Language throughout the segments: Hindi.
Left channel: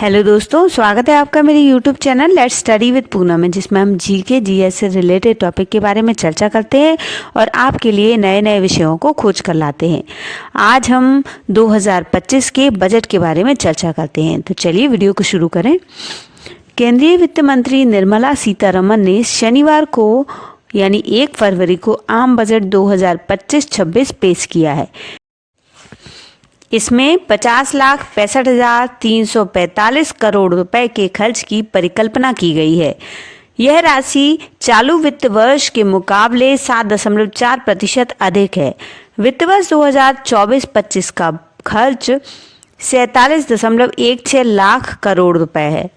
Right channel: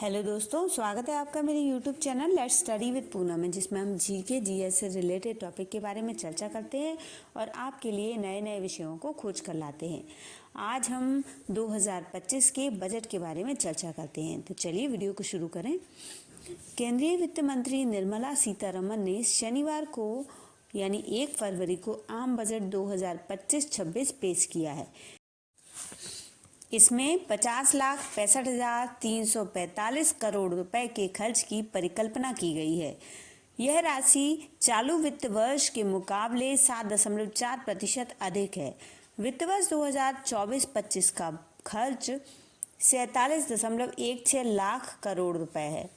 हेलो दोस्तों, स्वागत है आपका मेरे YouTube channel let's study with Poonam में, जिसमें हम जीके जीएस से रिलेटेड टॉपिक के बारे में चर्चा करते हैं और आपके लिए नए नए विषयों को खोज कर लाते हैं। आज हम 2025 के बजट के बारे में चर्चा करते हैं, तो चलिए वीडियो को शुरू करें। केंद्रीय वित्त मंत्री निर्मला सीतारमण ने शनिवार को यानी 1 फरवरी को आम बजट 2025-26 पेश किया है। इसमें 50,65,345 करोड़ रुपए के खर्च की परिकल्पना की गई है। यह राशि चालू वित्त वर्ष के मुकाबले 7.4% अधिक है। वित्त वर्ष 2024-25 का खर्च 47.16 लाख करोड़ रुपए है।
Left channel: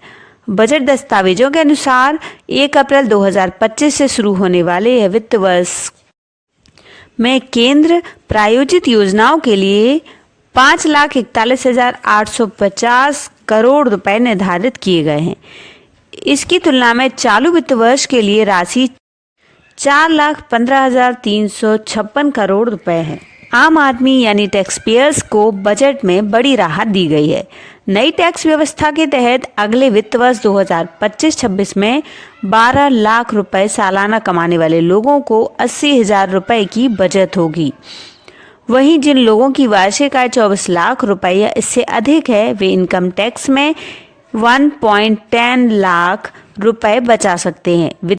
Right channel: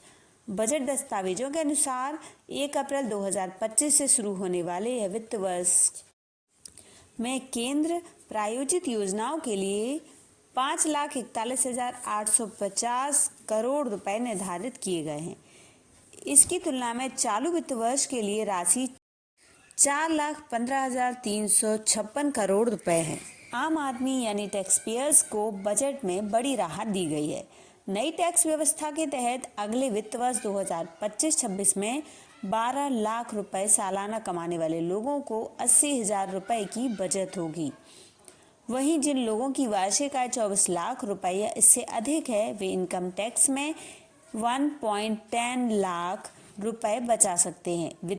बजट दस्तावेजों के अनुसार 1 अप्रैल 2025 से शुरू होने वाले यह वित्त वर्ष में केंद्र प्रायोजित योजनाओं के लिए 5,41,850 करोड़ रुपए निर्धारित किए गए हैं। इसकी तुलना में चालू वित्त वर्ष के लिए राशि 4,15,356 करोड़ रुपए है। आम आदमी यानी टैक्स पेयर्स को बजट में बड़ी राहत दी गई है। नई टैक्स व्यवस्था के तहत अगले वित्त वर्ष 2025-26 में 12 लाख रुपए सालाना कमाने वाले लोगों को 80,000 रुपए की बचत होगी। वहीं जिन लोगों की वार्षिक आय 24 लाख रुपए या इससे अधिक है, वे इनकम टैक्स में 1.10 लाख रुपए बचा सकते हैं।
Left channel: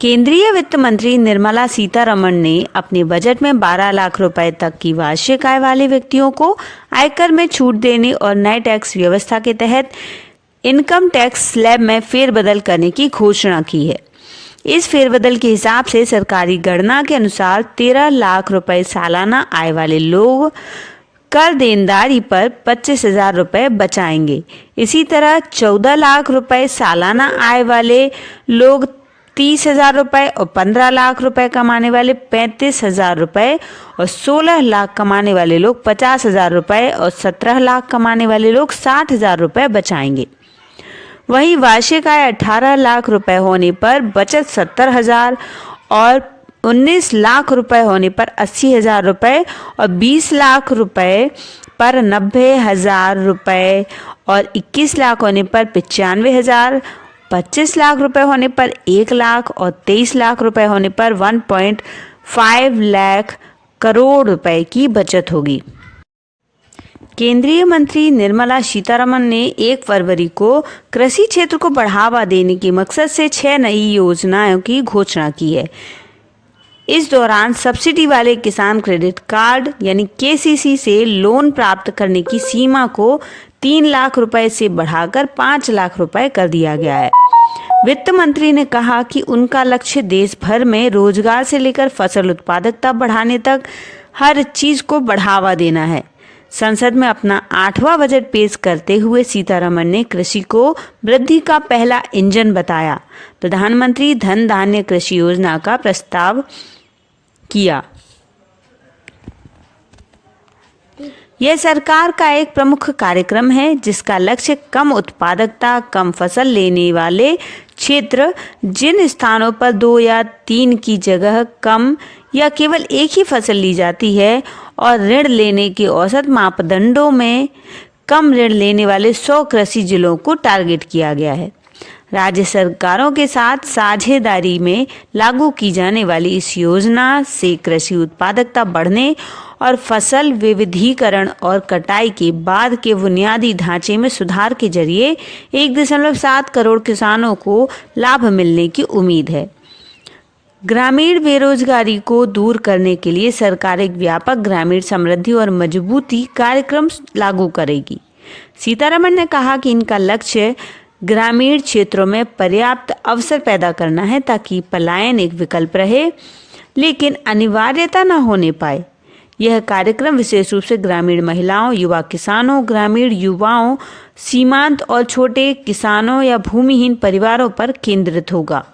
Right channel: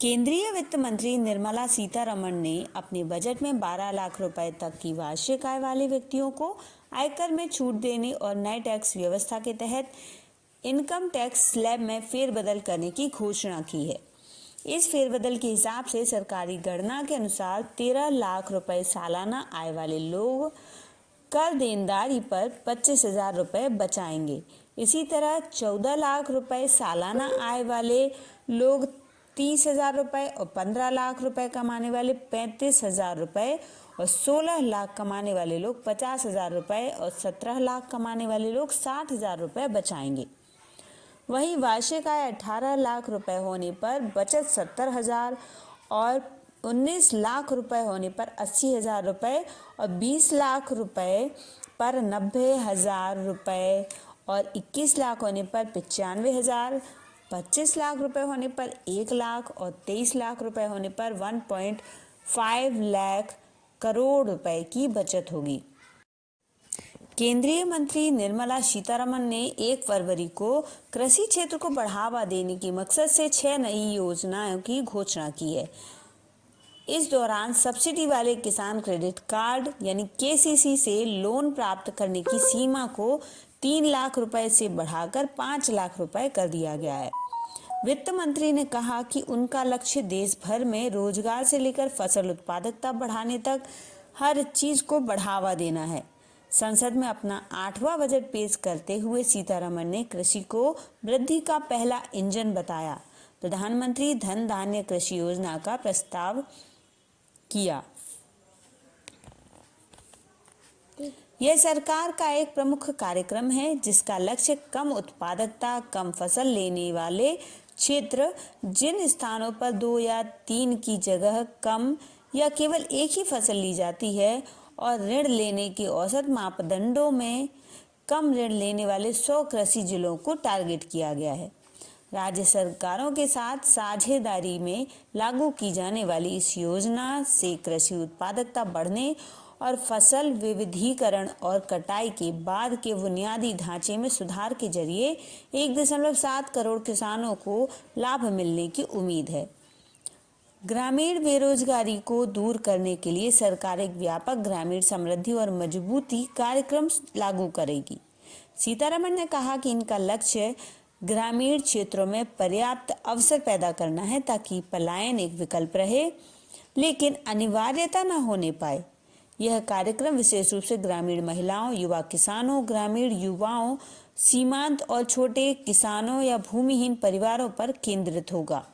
केंद्रीय वित्त मंत्री निर्मला सीतारमण ने अपने बजट में 12 लाख रुपए तक की वार्षिक आय वाले व्यक्तियों को आयकर में छूट देने और नए टैक्स व्यवस्था के तहत इनकम टैक्स स्लैब में फेरबदल करने की घोषणा की है। इस फेरबदल के हिसाब से सरकारी गणना के अनुसार 13 लाख रुपए सालाना आय वाले लोग कर देनदारी पर 25,000 रुपए बचाएंगे। इसी तरह 14 लाख रुपए सालाना आय वाले लोग 30,000 रुपए और 15 लाख रुपए कमाने वाले 35,000 रुपए और 16 लाख कमाने वाले लोग 50,000 रुपए और 17 लाख कमाने वाले लोग 60,000 रुपए बचाएंगे। वहीं वार्षिक आय 18 लाख रुपए होने पर बचत 70,000 और 19 लाख रुपए होने पर 80,000 रुपए और 20 लाख रुपए पर 90,000 रुपए और 21 लाख होने पर 95,000, 25 लाख रुपए होने पर 1 लाख और 23 लाख रुपए होने पर 1.5 लाख करोड़ रुपए की बचत होगी। केंद्रीय मंत्री निर्मला सीतारमण ने 1 फरवरी को कृषि क्षेत्र को बढ़ावा देने के मकसद से 6 नई योजनाओं की घोषणा की है। इस दौरान सब्सिडी वाले किसान क्रेडिट कार्ड यानी केसीसी से लोन प्राप्त करने की सीमा को 3 लाख रुपए से बढ़ाकर 5 लाख रुपए कर दिया गया है। वित्त मंत्री ने कहा कि उनका लक्ष्य देश भर में रोजगार से लेकर फसल उत्पादकता बढ़ाने तक हर चीज को बढ़ावा देना है। संसद में अपना 8वां बजट पेश करते हुए सीतारमण ने कृषि को वृद्धि का पहला इंजन बताया। प्रधानमंत्री धन धान्य कृषि योजना का प्रस्ताव किया। यह सरकार का एक प्रमुख कार्यक्रम है जिसका लक्ष्य कम उत्पादकता, कम फसल लेने वाले क्षेत्र, जिन स्थानों पर 2 या 3 की जगह कम या केवल एक ही फसल ली जाती है और ऋण लेने के औसत मापदंडों में कम ऋण लेने वाले 100 कृषि जिलों को टारगेट किया गया है। राज्य सरकारों के साथ साझेदारी में लागू की जाने वाली इस योजना से कृषि उत्पादकता बढ़ने और फसल विविधीकरण और कटाई के बाद के बुनियादी ढांचे में सुधार के जरिए 1.7 करोड़ किसानों को लाभ मिलने की उम्मीद है। ग्रामीण बेरोजगारी को दूर करने के लिए सरकार एक व्यापक ग्रामीण समृद्धि और मजबूती कार्यक्रम लागू करेगी। सीतारमण ने कहा कि इनका लक्ष्य ग्रामीण क्षेत्रों में पर्याप्त अवसर पैदा करना है ताकि पलायन एक विकल्प रहे लेकिन अनिवार्यता न होने पाए। यह कार्यक्रम विशेष रूप से ग्रामीण महिलाओं, युवा किसानों, ग्रामीण युवाओं, सीमांत और छोटे किसानों या भूमिहीन परिवारों पर केंद्रित होगा।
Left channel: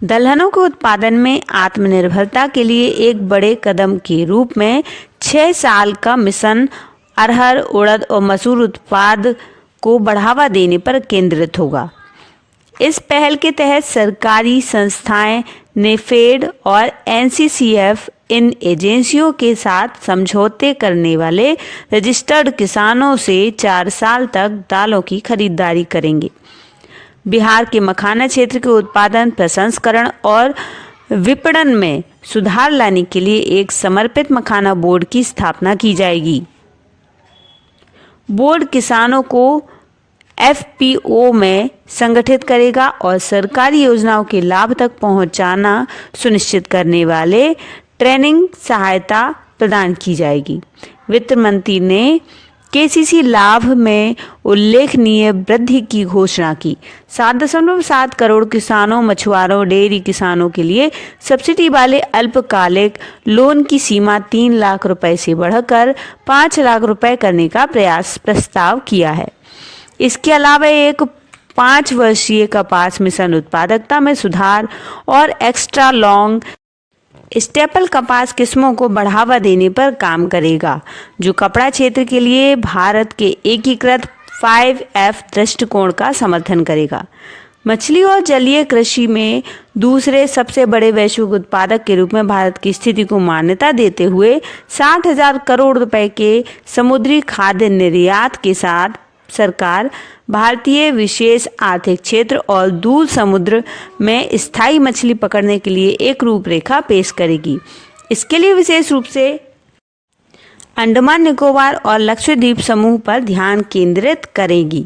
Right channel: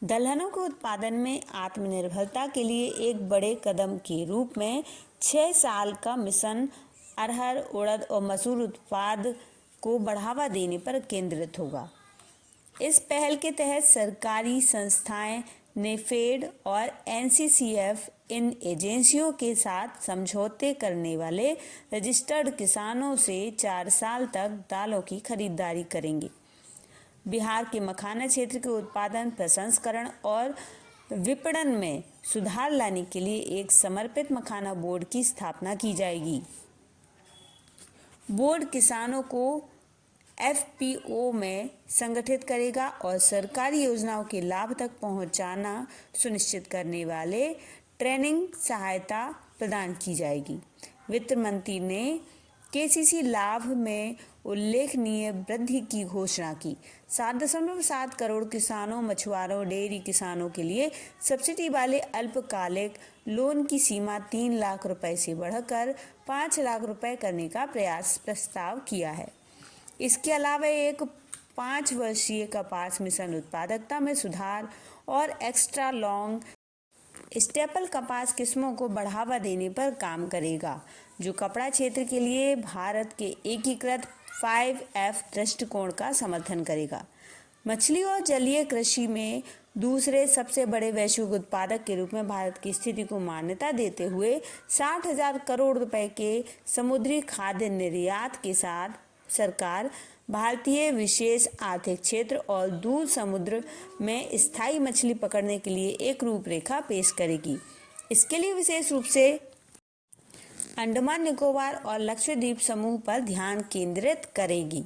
दलहनों के उत्पादन में आत्मनिर्भरता के लिए एक बड़े कदम के रूप में 6 साल का मिशन अरहर, उड़द और मसूर उत्पाद को बढ़ावा देने पर केंद्रित होगा। इस पहल के तहत सरकारी संस्थाएं, नेफेड और एनसीसीएफ इन एजेंसियों के साथ समझौते करने वाले रजिस्टर्ड किसानों से 4 साल तक दालों की खरीदारी करेंगे। बिहार के मखाना क्षेत्र के उत्पादन, प्रसंस्करण और विपणन में सुधार लाने के लिए एक समर्पित मखाना बोर्ड की स्थापना की जाएगी। बोर्ड किसानों को एफपीओ में संगठित करेगा और सरकारी योजनाओं के लाभ तक पहुंचाना सुनिश्चित करने वाले ट्रेनिंग सहायता प्रदान की जाएगी। वित्त मंत्री ने केसीसी लाभ में उल्लेखनीय वृद्धि की घोषणा की। 7.7 करोड़ किसानों, मछुआरों, डेयरी किसानों के लिए सब्सिडी वाले अल्पकालिक लोन की सीमा 3 लाख रुपए से बढ़कर 5 लाख रुपए करने का प्रस्ताव किया है। इसके अलावा एक 5 वर्षीय कपास मिशन उत्पादकता में सुधार और एक्स्ट्रा लॉन्ग स्टेपल कपास किस्मों को बढ़ावा देने पर काम करेगा, जो कपड़ा क्षेत्र के लिए भारत के एकीकृत 5F दृष्टिकोण का समर्थन करेगा। मछली और जलीय कृषि में दूसरे सबसे बड़े वैश्विक उत्पादक के रूप में भारत की स्थिति को मान्यता देते हुए 60,000 करोड़ रुपए के समुद्री खाद्य निर्यात के साथ सरकार भारतीय विशेष आर्थिक क्षेत्र और दूर समुद्र में स्थायी मछली पकड़ने के लिए एक रूपरेखा पेश करेगी। इसके लिए विशेष रूप से अंडमान निकोबार और लक्षद्वीप समूह पर ध्यान केंद्रित करेगी।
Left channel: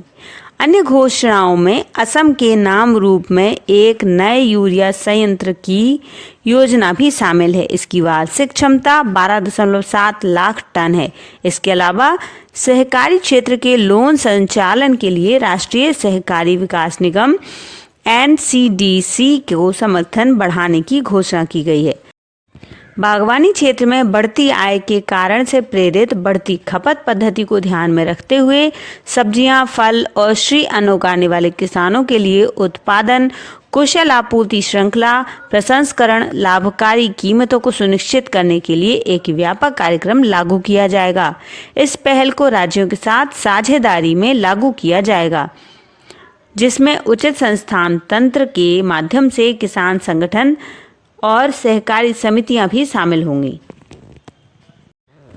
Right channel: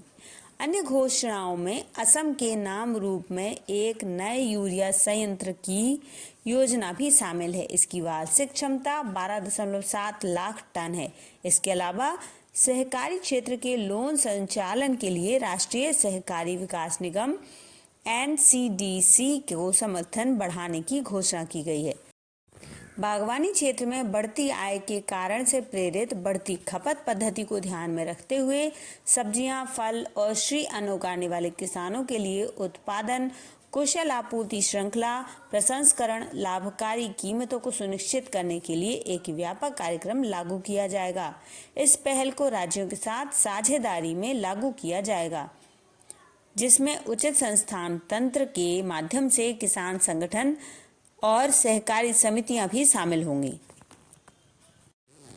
अन्य घोषणाओं में असम के नाम रूप में एक नए यूरिया संयंत्र की योजना भी शामिल है। इसकी वार्षिक क्षमता 12.7 लाख टन है। इसके अलावा सहकारी क्षेत्र के लोन संचालन के लिए राष्ट्रीय सहकारी विकास निगम NCDC को समर्थन बढ़ाने की घोषणा की गई है। बागवानी क्षेत्र में बढ़ती आय के कारण से प्रेरित बढ़ती खपत पद्धति को ध्यान में रखते हुए सब्जियां, फल और श्री अन्न उगाने वाले किसानों के लिए उत्पादन, कुशल आपूर्ति श्रृंखला, प्रसंस्करण, लाभकारी कीमतों को सुनिश्चित करने के लिए एक व्यापक कार्यक्रम लागू किया जाएगा। इस पहल को राज्यों के साथ साझेदारी में लागू किया जाएगा, जिसमें उचित संस्थान तंत्र के माध्यम से किसान संगठन और सहकारी समितियां भी शामिल होंगी।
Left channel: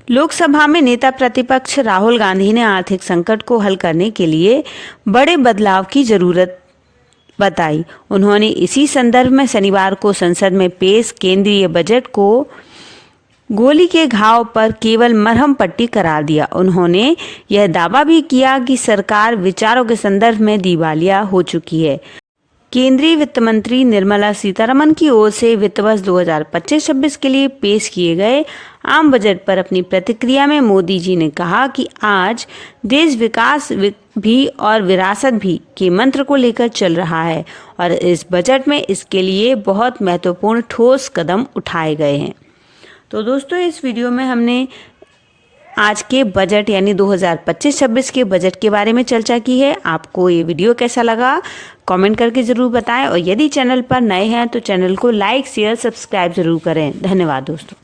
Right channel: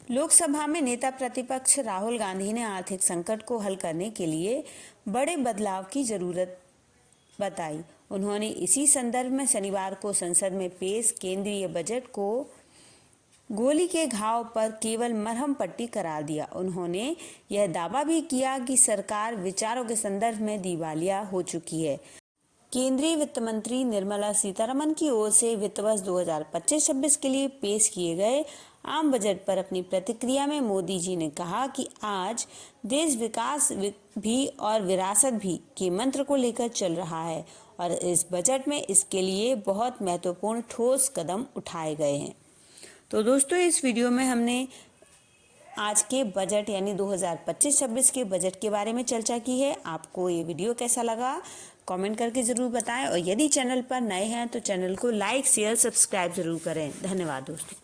लोकसभा में नेता प्रतिपक्ष राहुल गांधी ने आर्थिक संकट को हल करने के लिए बड़े बदलाव की जरूरत बताई। उन्होंने इसी संदर्भ में शनिवार को संसद में पेश केंद्रीय बजट को गोली के घाव पर केवल मरहम पट्टी करार दिया। उन्होंने यह दावा भी किया कि सरकार विचारों के संदर्भ में दिवालिया हो चुकी है। केंद्रीय वित्त मंत्री निर्मला सीतारमण की ओर से वित्त वर्ष 2025-26 के लिए पेश किए गए आम बजट पर अपनी प्रतिक्रिया में मोदी जी ने कहा कि आज देश विकास भी और विरासत भी के मंत्र को लेकर चल रहा है और इस बजट में इसके लिए बहुत महत्वपूर्ण ठोस कदम उठाए गए हैं। तो दोस्तों, इस वीडियो में हमने आज के बजट यानी 2025-26 के बजट के बारे में चर्चा की है। आपको ये वीडियो कैसा लगा कमेंट करके ज़रूर बताएं और यदि चैनल पर नए हैं तो चैनल को लाइक, शेयर, सब्सक्राइब ज़रूर करें। धन्यवाद दोस्तों।